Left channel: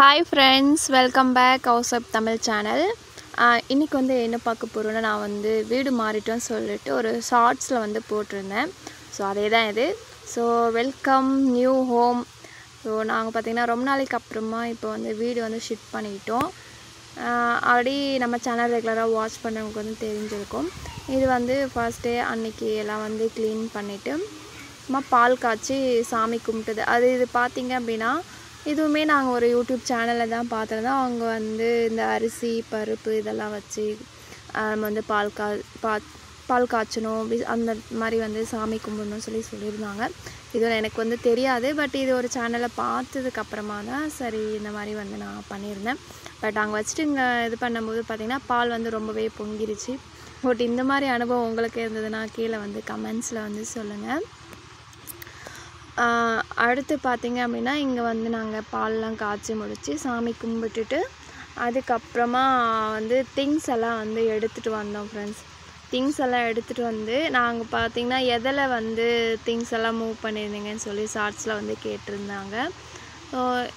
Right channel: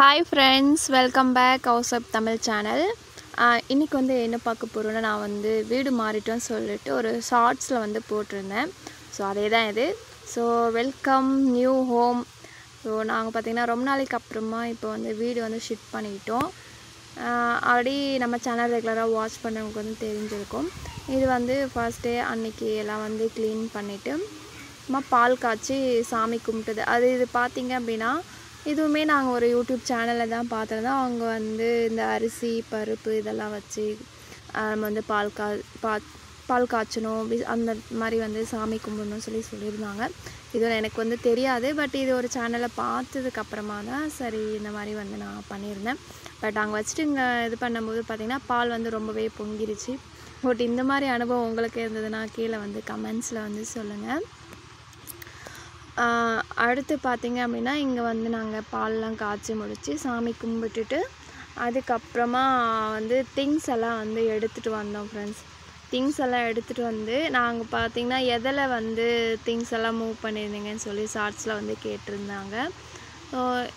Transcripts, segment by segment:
Hi friends, welcome back House Tamil channel. இன்னைக்கு வந்து என்ன பார்க்க போறோம்னா நான் வந்து வீடு மாறிட்டேன்னு சொல்லிட்டு ஒரு ஷார்ட்ஸ்ல வந்து போட்டுருந்தேன். சோ அதேதான் இது. So welcome new home. So நாங்க பாத்தீங்கன்னா ரொம்ப நாளைக்கு அப்புறமா இப்போ வந்து வீடு வந்து ஷிஃப்ட் பண்ணிட்டோம். ஆல்ரெடி நம்ம சேனல் ரெகுலரா வாட்ச் பண்ணவங்களுக்கு வந்து தெரிஞ்சிருக்கும். இது வந்து ஃபர்ஸ்ட் டே அன்னைக்கு எல்லாம் வந்து க்ளீன் பண்ணிட்டு பால் காய்ச்சி சாமி கும்பிட்டது. அது இது பாத்தீங்க அப்படினா இதுவுமே நாங்க ஒரு YouTube சேனல்ல தான் பார்த்தோம். அவங்க வந்து இந்த அரிசி பருப்பு இதெல்லாம் வச்சு வந்து பால் காய்ச்சணும் அந்த மாதிரி வந்து சாமி கும்பிடணும்னு சொல்லியிருந்தாங்க. இது எனக்கு வந்து தெரியாது. பட் இது ஒரு சேனல்ல பார்த்ததுக்கு அப்புறமா தான் சரி இந்த மாதிரி வந்து நான் பண்ணியிருந்தேன். பட் அங்கே வச்சுட்டு இங்கே இது பண்ணும்போது பார்த்தீங்கன்னா பால் வந்து ரொம்பவே பொங்கிருச்சு. பட் இந்த மாதிரி அனுபவம் உங்களுக்கு இருந்ததுன்னா கீழே வந்து கமெண்ட்ஸில் வந்து சொல்லுங்கள். அடுத்து பார்த்தீங்க அப்படின்னா இங்கே வந்து நாங்கள் பால்லாம் காய்ச்சி முடித்து சாமி கும்பிட்டுட்டு அதுக்கப்புறமா வந்து திங்ஸ் எல்லாம் வந்து எடுத்துகிட்டு வந்தோம் ஃப்ரெண்ட்ஸ். திங்ஸ் எல்லாம் எடுத்துகிட்டு வந்து நாங்கள் பார்த்தீங்கன்னா எதில் வந்து திங்ஸ் எல்லாம் மூவ் பண்ணியிருந்தீங்கன்னு சொல்லி ஷார்ட்ஸில் வந்து கேட்டிருந்தாங்க.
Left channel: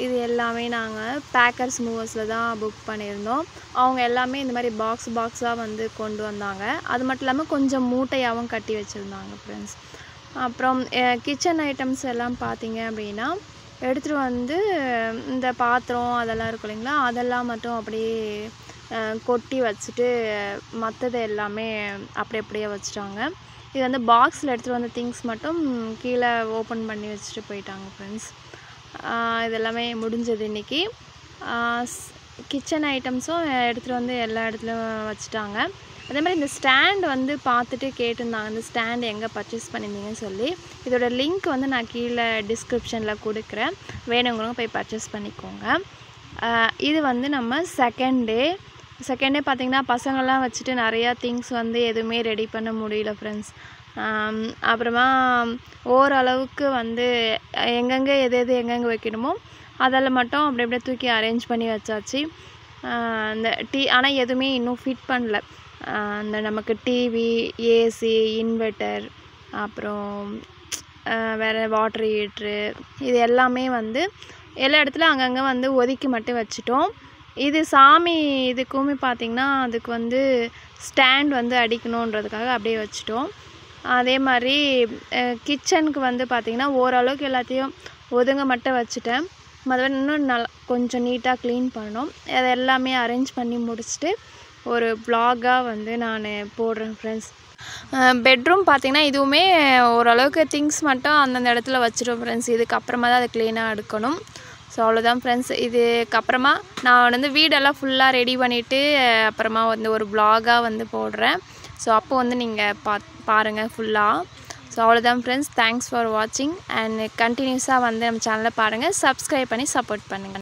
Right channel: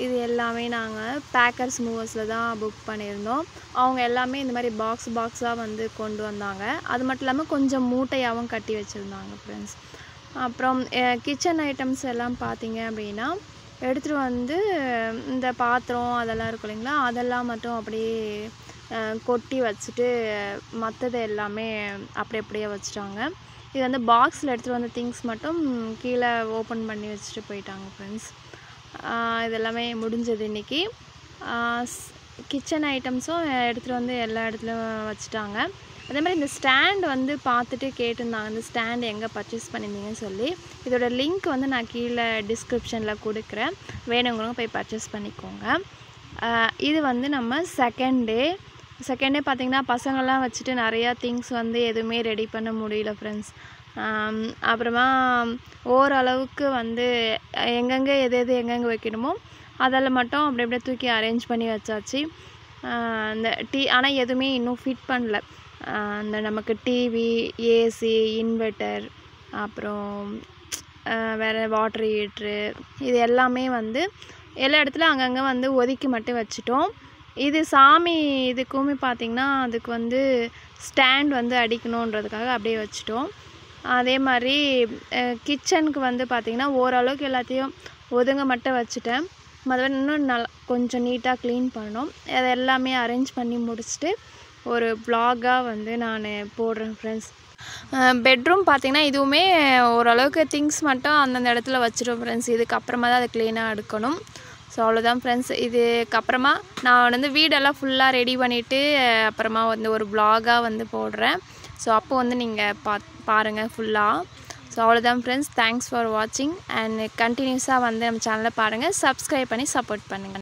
இது எல்லாமே நாங்கள் பேக்கர்ஸ் மூவர்ஸில் தான் புக் பண்ணியிருந்தோம். அவங்க எல்லாமே இந்த மாதிரி பாக்ஸாக வந்து கொண்டு வந்தாங்க. அது மட்டும் இல்லாமல் கொஞ்சம் மூட்டையாகவும் கட்டி வச்சுருந்தாங்க ஃப்ரெண்ட்ஸ். அப்புறம் கிச்சன் ஐட்டம்ஸ் எல்லாம் பார்த்தீங்க அப்படின்னா எடுத்துகிட்டு வந்து இந்த பாத்திரம் அதெல்லாம் இருக்கும் இல்லைங்களா, அதெல்லாம் மட்டும் அப்படியே கொட்டி வச்சுட்டு மற்றது எல்லாமே அப்படியே வச்சுட்டாங்க. இது வந்து பாக்ஸில் எடுத்துகிட்டு வந்த திங்ஸ் மட்டும் கீழே ஓப்பன் பண்ணி வச்சுட்டு போயிட்டாங்க ஃப்ரெண்ட்ஸ். இதெல்லாமே முடிஞ்சது இன்றைக்கி. கிச்சன் ஐட்டம்ஸும் எடுத்துகிட்டு வந்து எல்லா இடத்துலையும் வச்சுட்டாங்க. அதே மாதிரி இந்த ஸ்டாண்ட் வந்து பார்த்துட்டு கேட்டிருந்தாங்க இந்த ஸ்டாண்ட் எங்கே பர்ச்சேஸ் பண்ணியிருந்தீங்கன்னு சொல்லி. இதோட லிங்க் வந்து நான் கீழே டிஸ்கிரிப்ஷனில் கொடுக்குறேன், வேணுங்கிறவங்க போய் பர்ச்சேஸ் பண்ணிக்கோங்க. இது வந்து நம்ம செகண்ட் டே பார்த்திங்கன்னா பசங்கள்லாம் வச்சுட்டு நிறையா திங்ஸ் வந்து எதுவுமே ரெடி பண்ண முடியல ஃப்ரெண்ட்ஸ். அப்புறமா ஓரளவுக்கு வந்து எங்கெங்கே எங்கெங்கே வைக்கணுமோ அதில் மட்டும் அப்படியே தூக்கி அரேஞ்ச் பண்ணி வச்சாச்சு. இந்த ஆனால் எதுவுமே இன்னும் ஃபிட் பண்ணல. இந்த நமக்கு டிவி, ஏசி, இன்வெர்ட்டர், அப்புறம் வேறு வாட்டர் ஹீட்ரு இது எல்லாமே வந்து எல்லா இடத்துல அங்கங்கே வந்து ஒதுக்கி மட்டும் வச்சுட்டோம். இது சாமி இதுக்குமே பார்த்திங்கன்னா அதுக்கு வந்து ஸ்டாண்ட் வந்து அடிக்கணுன்றதுக்காக அப்படியே வச்சுட்டோம். அதே மாதிரி கிச்சனுக்கு வந்து பார்த்திங்கன்னா ஓரளவுக்கு எல்லாத்தையும் ஒதுங்க மட்டும் வச்சுட்டேன். மற்றபடி இன்னும் கொஞ்சம் நீட்டாக க்ளீன் பண்ணணும். அதை எல்லாமே அரேஞ்ச் பண்ணி முடிச்சுட்டு ஒரு வ்ளாகாக வந்து நான் போடுறேன் ஃப்ரெண்ட்ஸ். பெட்ரூம் பார்த்திங்கன்னா இதுவுமே ஓரளவுக்கு திங்ஸ் மட்டும் அந்தந்த இடத்துல வச்சுட்டோம் ஃப்ரெண்ட்ஸ். இதுக்கப்புறமா தான் அதை க்ளீனாக எடுக்கணும். ஸோ அவ்வளோதான் ஃப்ரெண்ட்ஸ். இதுக்கப்புறமா நான் வந்து வீடெல்லாம் ஃபுல்லாக ரெடி பண்ணிவிட்டு அப்புறமா வந்து ஒரு வ்ளாகாக வந்து போடுறேன். ஸோ அப்போ வந்து நீங்கள் பாருங்கள் ஃபுல்லாக. ஸோ அவ்வளோதான் ஃப்ரெண்ட்ஸ். தேங்க்ஸ் ஃபார் வாட்சிங் அண்ட் கண்டினியூஸாக வந்து நம்ம சேனலை பாருங்கள், சப்ஸ்கிரைப் பண்ணி சப்போர்ட் பண்ணுங்கள்.